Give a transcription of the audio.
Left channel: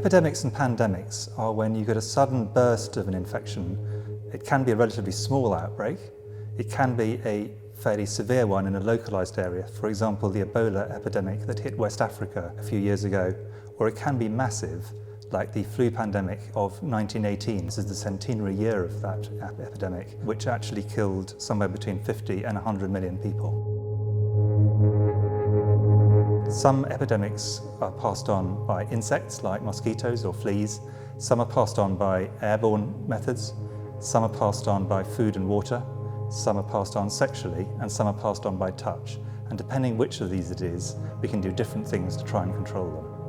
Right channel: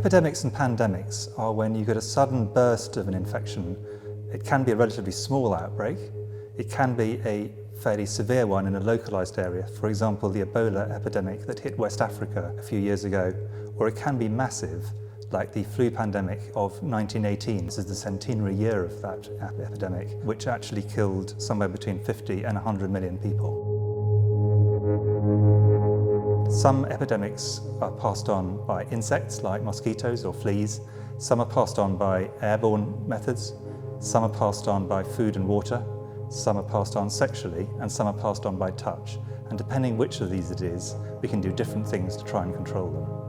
Epidemics and pandemics are when you get a sudden burst of an infection. It can be a relatively small outbreak. It can be a fairly severe one in a localized area, for example the Ebola epidemic that hit West Africa a few years ago, or it can be massive, like the flu pandemic of 1918. This is the centenary year of that epidemic, which actually killed somewhere between 50 and 100 million people. Some epidemics are passed on by insects like mosquitoes or fleas. Some are passed on by airborne methods. Some are passed on by food and water. Some are passed on sexually, and some are passed on by touch. And depending which of these it is, we can do different things to try and control them.